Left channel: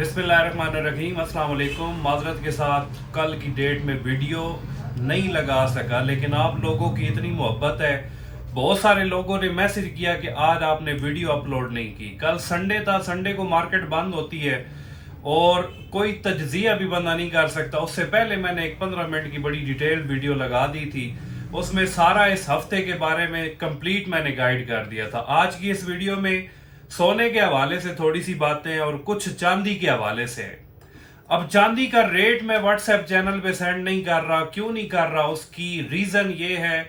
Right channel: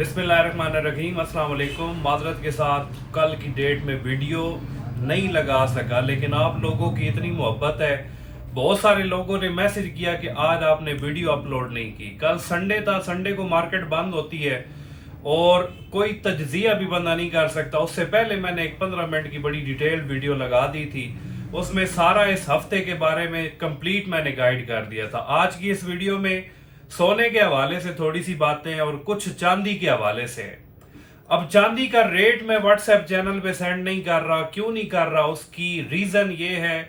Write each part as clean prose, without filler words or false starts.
बिस्मिल्लाहिर्रहमानिर्रहीम, अस्सलाम वालेकुम। माजरत के साथ कल की डेट में वीडियो नहीं लगा सका, लेकिन आप लोगों की इतनी मोहब्बत है, बहुत सारे लोगों ने मैसेज किया कि आज आपने वीडियो अपलोड नहीं की। कल संडे था, संडे को मार्केट बंद होती है और कोई तज्जिया भी बंदा नहीं कर सकता। उससे पहले मैंने एक 15 मिनट की बड़ी डिटेल्ड वीडियो लगा दी थी, उसमें सारा इस हफ्ते के बारे में कंप्लीट मैंने गाइड कर दिया था। आज की इस वीडियो में सोने के हवाले से थोड़ी सी बातें और कुछ चांदी के हवाले से है। अब चांदी का रेट मैं व्हाट्सएप चैनल पे सेंड नहीं कर रहा, क्यों नहीं कर रहा? उसकी रीजन ये है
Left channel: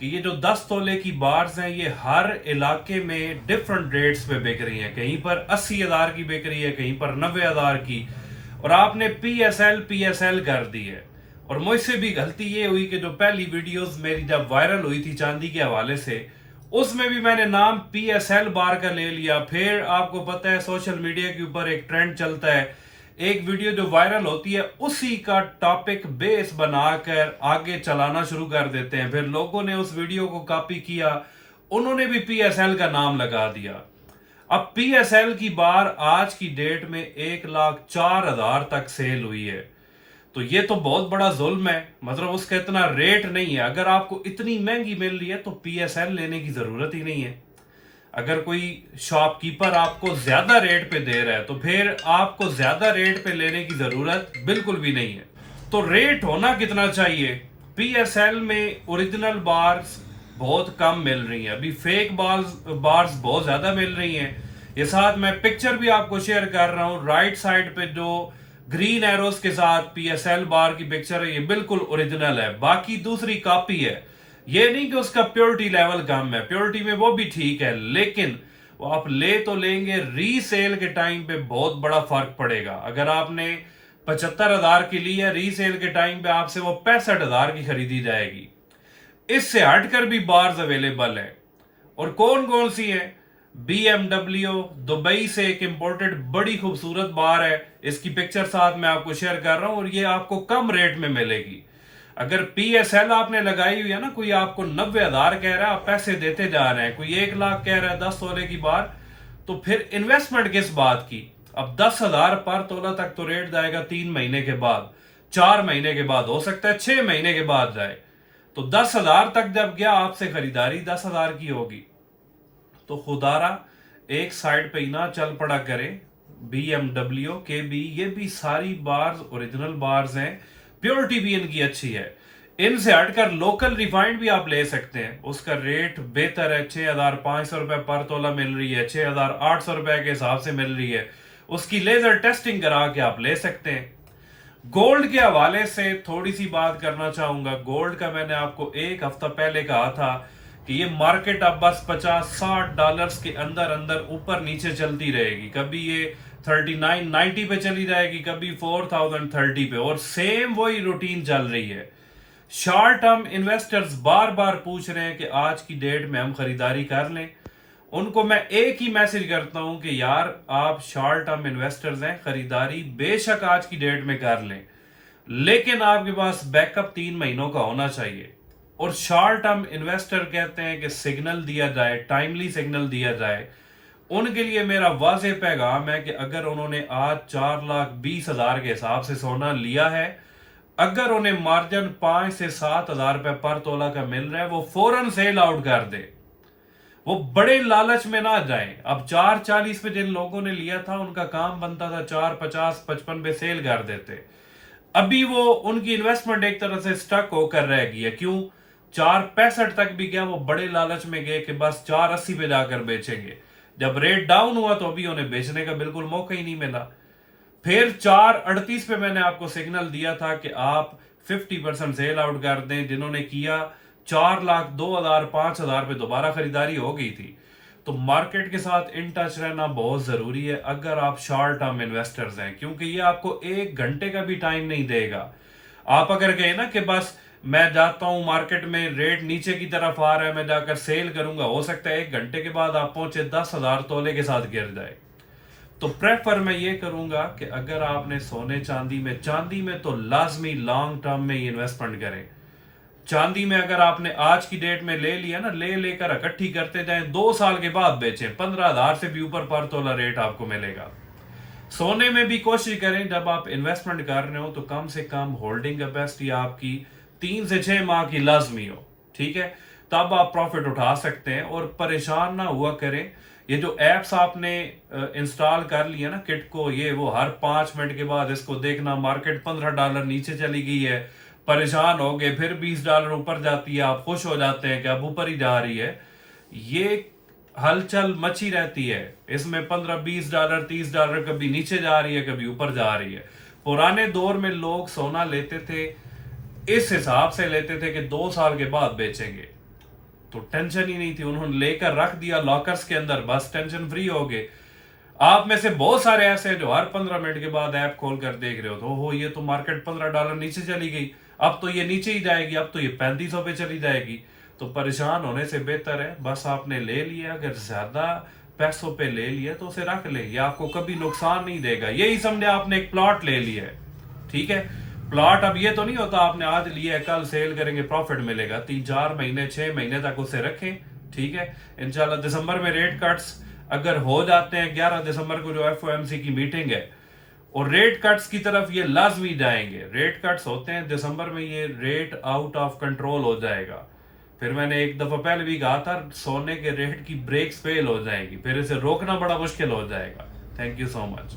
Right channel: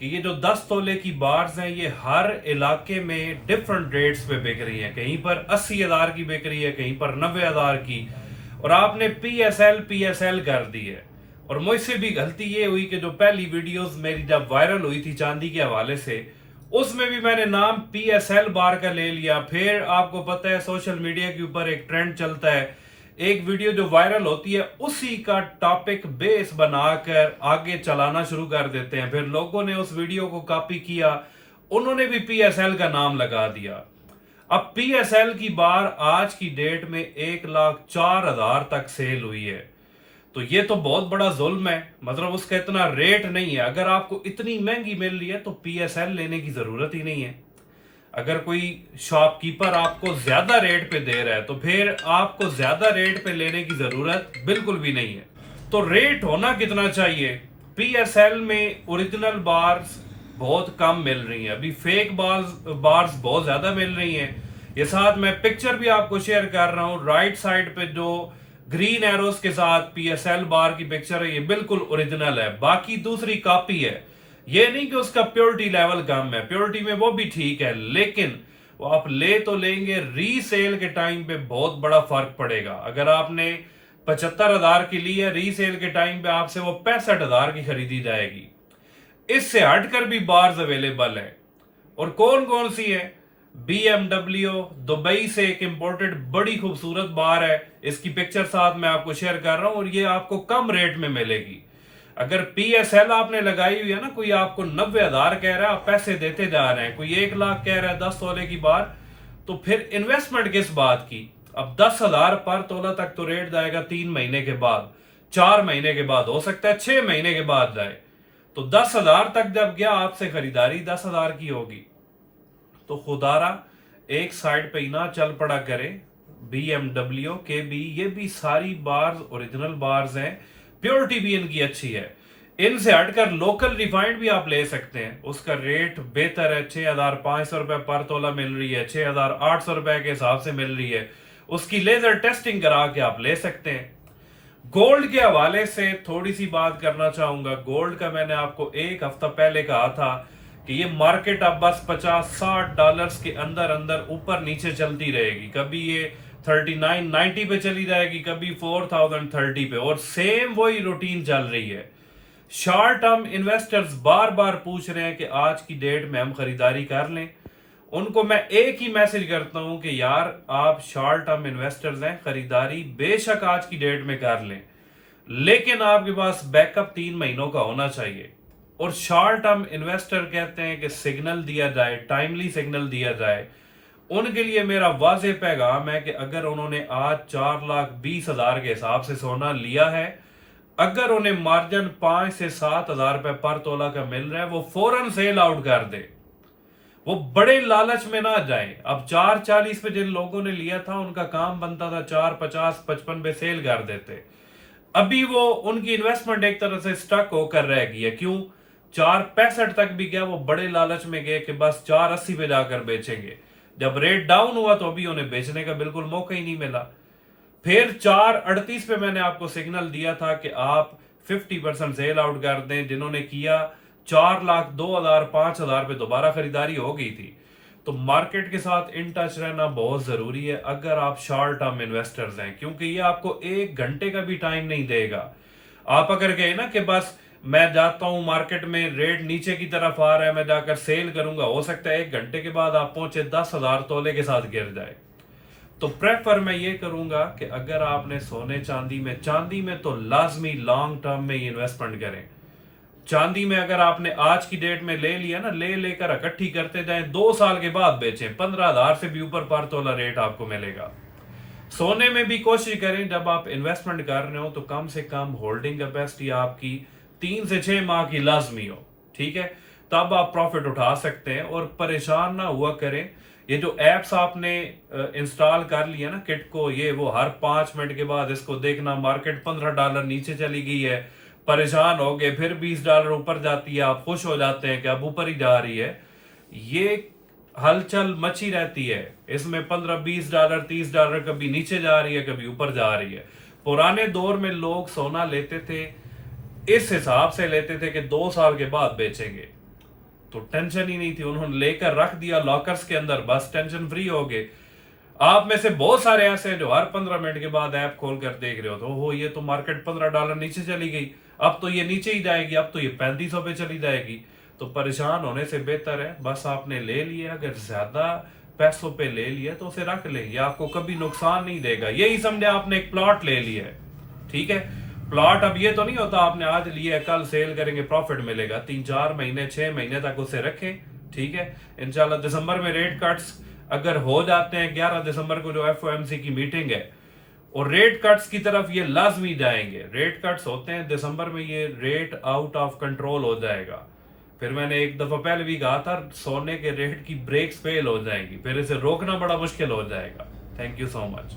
कि ये जो 10 तोले की बार्स हैं, ये हर इलाके में डिफरेंट रेट्स पे बिक रही हैं। कहीं पर 80,000 की बिक रही है, कहीं पर 90,000 की, और आपने पीएसएल कर दी है। और मुझसे भी गलती ये हुई कि जो पहली वीडियोस मेरी जब वायरल हुई थी चांदी के हवाले से, उसमें भी मैंने नाम पीएसएल बार का ले लिया। फिर आपको पता है सोशल मीडिया के ऊपर एक ट्रेंड चलता है, एक वीडियो जो वायरल होती है उसी का टॉपिक बेस बनाकर आगे चलाना शुरू कर देते हैं। फिर लोगों ने उस वीडियो को कॉपी किया, उन्होंने भी पीएसएल का नाम लगा दिया। अब पीएसएल की बार आज की डेट में 1,04,000 तक सेल हुई है। तो ये तो बहुत बड़ा जुल्म है, मतलब उसका इतना रेट नहीं है। अगर आपको इतनी महंगी मिल रही है तो पीएसएल लेने की जरूरत ही नहीं है। अगर कोई शॉपकीपर आपको ज्यादा रेट पे दे रहा है तो फिर आपको ज्यादा रेट पे लेने की जरूरत बिल्कुल भी नहीं है। तो रेट होना कितना चाहिए? पीएसएल में ओरिजिनल बार्स बहुत कम मिल रही हैं, अभी फेक बार्स बहुत ज्यादा मिल रही हैं। ये साथ मैं पिक्चर भी आपको शेयर कर रहा हूं, राइट साइड पे जो ग्रीन एरोस के साथ पीएसएल बार की पिक्चर है, ये बिल्कुल ओरिजिनल है, बाकी दूसरी कॉपी है। ये नहीं कि उसका प्योरिटी लेवल कम है, प्योरिटी में वो भी ठीक है, लेकिन वो आप ले तो लेंगे, रीसेल के टाइम पे बहुत बड़ा फर्क पड़ेगा। अगर आपने 75,000 की ली है, रीसेल के टाइम पे आपसे वो 65,000 की खरीदी जाएगी। इससे हटकर भी बार्स अवेलेबल है, और कौन कौन सी है? BMW दुबई से एक इंपोर्टेड बड़ी खूबसूरत बार है, इसकी पिक्चर साथ मैं आपको शेयर कर रहा हूं, और ये आपको कम रेट में मिलेगी। अगर पीएसएल आपने लगाई हुई है ना, कोई आपको 90,000 कह रहा है, आप पैसे देते जा रहे हैं, कोई 1 लाख कह रहा है 10 तोले की बार, तो फिर इन्वेस्टमेंट किस बात की? अब 10,000 पर तोला तक तो रेट जाएगा 3 महीने के बाद, 4 महीने के बाद, हो सकता है 6 महीने के बाद जाए। तो 10,000 तक जब गया, आपसे खरीदारी 10,000 की होगी, तो खुदारा एक साइड पे ही ना चल पड़ा करे। BMW के भी, ये भी सारी बार्स ओरिजिनल बार्स हैं, प्योरिटी भी इनकी अच्छी है। इनसे हटकर लोकल रिफाइंड भी आप ले सकते हैं, उसका रेट बेहतर है, 6,500 रुपए पर तोला मिल रही है, 6,800 रुपए के हिसाब से मिल रही है। उसकी लेजर टेस्टिंग करा के आप ले सकते हैं। गोल्ड के हवाले से थोड़ी सी बात करना चाहूंगा। गोल्ड का मैंने आपको एक हफ्ता पहले कहा था कि ये मार्केट अब बस $50-60 के अंदर अंदर ऊपर नीचे चलती रहेगी। कभी ये 3990 पे चली जाएगी, कभी 4030 पे, और सेम वही रूटीन चल रही है। शॉर्ट टर्म इन्वेस्टर्स बार बार पूछ रहे हैं कि आज की डेट में हम खरीदारी कर लें। उनको मैं एक ही मैसेज करता हूं कि यार, आप शॉर्ट टर्म इन्वेस्टर्स हैं, खरीदारी बेशक आज की डेट में कर लें, लेकिन आपके पास बैकअप 3 महीनों का होना चाहिए। और शॉर्ट टर्म इन्वेस्टर कहते हैं कि सिग्नल दिया जाए, टाइमली सिग्नल दिया जाए। उनके लिए मेरा वाज़ेह पैगाम है कि अगर उन्होंने आज 4,20,000 के हिसाब से सोना लिया है, अगर उन्हें मार्जिन 5 से 7,000 रुपए पर तोला का मिल रहा है, वो फौरन सेल आउट कर दे। वो बड़े लालच में ना जाए। अब 4,40 पे जिन लोगों ने लिया था, उनका काम बनता था 4,50-55 पे सेल कर देते। अभी वो, उनकी इन्वेस्टमेंट एक तरह से स्टक होकर रह गई है। क्यों? 4,65 तक भी गया, वो बड़े लालच में गए कि बस 4,80 पे जाकर बेचेंगे। जब रेट डाउन हुआ तो अभी उन्हें बेचने का बिल्कुल मौका ही नहीं मिला। फिर 4,38 पे मैंने आपको सिग्नल दिया था कि आप 50% सेल आउट कर दें। जिन्होंने किया, 4,02,000 5,000 पे दोबारा खरीदारी हो गई थी। तो मार्केट के साथ इन टच रहना बहुत जरूरी है अगर आप शॉर्ट टर्म इन्वेस्टर्स हैं, क्योंकि ये आपको 1 घंटे का भी टाइम नहीं देगा। आप अगर कहें ना कि बस मैं जाता हूं मार्केट में, रेट नीचे की तरफ आ रहा है, मैं जाकर सेल करूंगा, हो सकता है 1 घंटे के बाद आप पहुंचे 10,000 तोले के साथ गिर जाए। तो प्रेफर मैं ये करूंगा कि अगर आपने सोने चांदी में तो लाजमी लॉन्ग टर्म में ही इन्वेस्टमेंट करें। चांदी में अगर आपने आज की डेट में ले लिया ना, लेकर इकट्ठी करते जाएं, 2 साल के बाद बेचें, 15,000 से भी ऊपर पर तोला रेट आपको मिलेगा। सोने में भी कोशिश करें, जब आप इन्वेस्टमेंट कर रहे हो तो कम से कम होल्डिंग कैपेसिटी आपकी 3 से 6 माह की लाजमी हो, ठीक है, तब आप प्रॉफिट उठा सकते हैं। और परेशान ना हुआ करें, ये जो एप्स आपने इंस्टॉल कर लिया ना किट को, ये वो हर 5 मिनट के बाद इसको देखना, मार्केट $15 नीचे चली गई है, परेशान हो गए, फिर $20 ऊपर जाती है, आप खुश हो जाते हैं कि अब ऊपर ही जा रही है। ये हलचल मची रहती है, इसमें $15-20 $30 कभी नीचे जा रही है, कभी ऊपर जा रही है। पुराने दौर में लोग सोना लेते थे, इस हिसाब से लेते थे कि 2 साल के बाद बेचेंगे, तो टेंशन ही नहीं थी, उन्होंने लेकर रख दिया लॉकर्स के अंदर, बस टेंशन फ्री हो गए। आप में से बहुत सारे ऐसे हैं जो हर 15 मिनट के बाद ऐप खोल कर देख रहे हो, तो हो ये तो मार्केट $15 नीचे चली गई, अब तो ये नीचे ही जाएगी, अब तो ये 3500 पे चली जाएगी। तो परेशान होने से बेहतर है बस आपने ले लिया, अगर ज्यादा पैसों पे ले लिया तो उसे रख ले, ये आपको कभी नुकसान नहीं देगा। यही समझे आपने एक प्लॉट ले लिया है, ठीक है, प्लॉट अब ये तो नहीं होता आपने आज लिया है कल सेल करेंगे प्रॉफिट मिलेगा, 3-4 महीने 6 महीने तक उसे रखें, ठीक है। इंशाल्लाह दिसंबर में रेट कट्स अगर हो जाते हैं, 11 दिसंबर को जो FOMC की मीटिंग है, और रेट कट्स की तरफ ये लाजमी जाएंगे। रेट कट्स होते हैं दिसंबर में, ये रेट आउट ऑफ कंट्रोल हो जाएगा। फिर मैंने एक दफा पहले भी कहा था, सोने के रेट की ब्रेक्स फेल हो जाएंगी, फिर इसे रोकना बड़ा मुश्किल हो जाएगा। Thank you so much.